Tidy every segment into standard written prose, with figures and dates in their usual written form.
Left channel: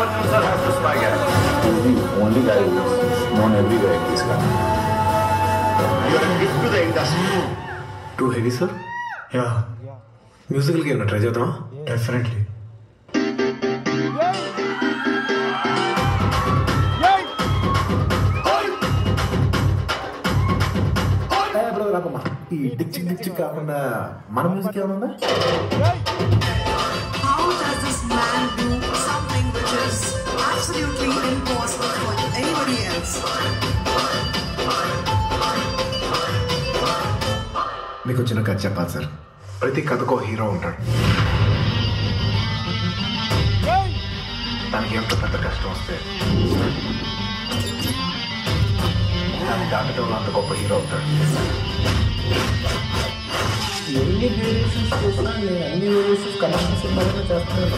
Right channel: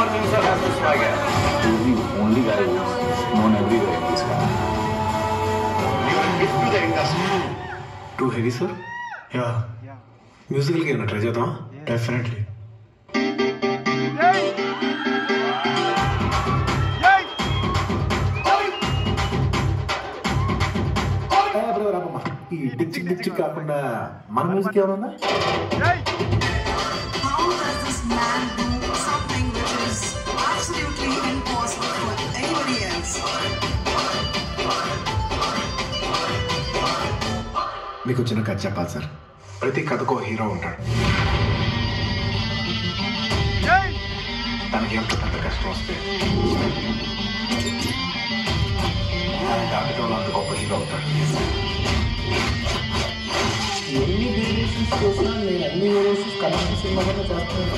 Arjun sir has the swagger. The only guy who's known everywhere in this country. You're a gift to the industry. Too heavy, sir? Yeah. Musical game try చేద్దాం. Definitely. ఈ Dick కాకుండా మన music ఏమైనా ఉందా? How does this man do something which is absolutely impossible for anybody else? మీకు చిన్న కథ చెప్పాలి సార్. ప్రతి కథకు హీరో ఉంటాడు. తనకి ఎంత పెద్ద కష్టం వస్తే దాన్ని దాటడం అంత గొప్ప హీరో అవుతాడు. ఎన్ని వేరియేషన్స్ చేసినా నేను అన్ని వేరియేషన్స్ కనెక్షన్ సినిమాలోనే చేస్తున్నాను.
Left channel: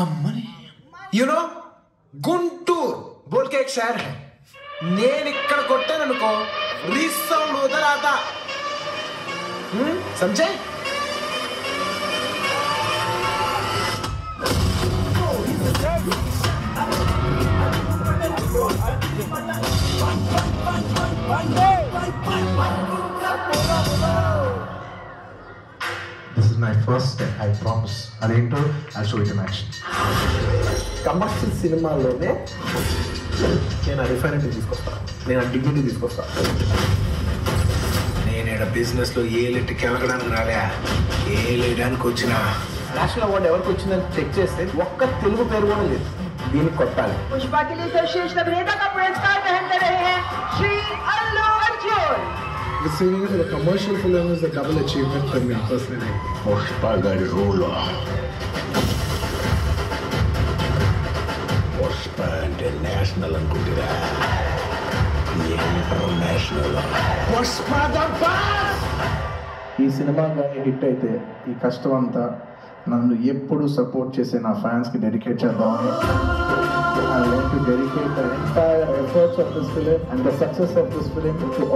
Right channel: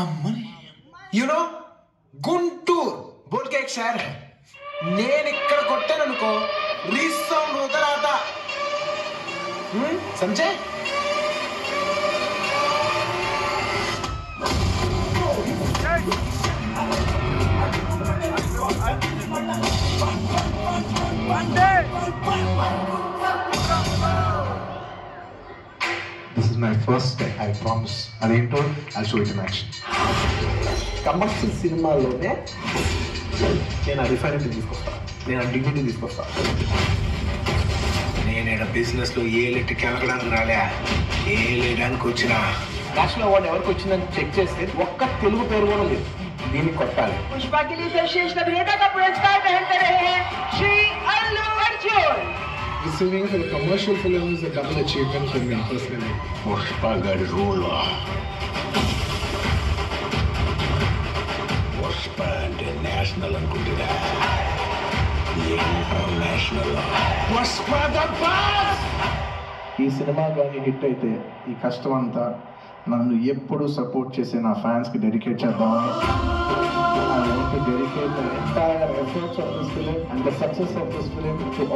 అమ్మని యూనో గుంటూరు బోల్కే ఎక్ షహర్ హై. నేను ఇక్కడ కొట్టాననుకో రీస్ sound వదలాతా. సమझे? This is my first step. I promise. అదేంటో I'll show it in action. Commercial సినిమాల్లోనే నేను ఆ రిఫైనరీ తీసుకొస్తాను, నేను ఆ డిగ్నిటీ తీసుకొస్తాను. నేను ఇక్కడ బిజినెస్లో ఏ లిట్కి వెళ్ళడానికి రాలే, ఏ లేయడానికి వచ్చిన. నేషనల్ అవార్డు ఎవరికి వచ్చిందని చెక్ చేస్తే ఒక్క తెలుగు పేరు కూడా లేదు. దీనికి కొట్టాలి. पुष्पा के लिए सर्वश्रेष्ठ अभिनेता का पुरस्कार ग्रहण कर रहे हैं Shri Allu Arjun. Singing for the commercial film is a double achievement for me personally. Pushpa got rule. Pushpa international అనుకుంటురా, ఇంటర్నేషనల్. Pushpa the boss. ఈ సినిమా కానీ హిట్ అయితే ఈ కష్టం అంతా నన్ను ఎప్పుడు సపోర్ట్ చేసే నా ఫ్యాన్స్కి డెడికేట్ చేద్దామని. I want to dedicate the entire efforts of this film and the success of this film to all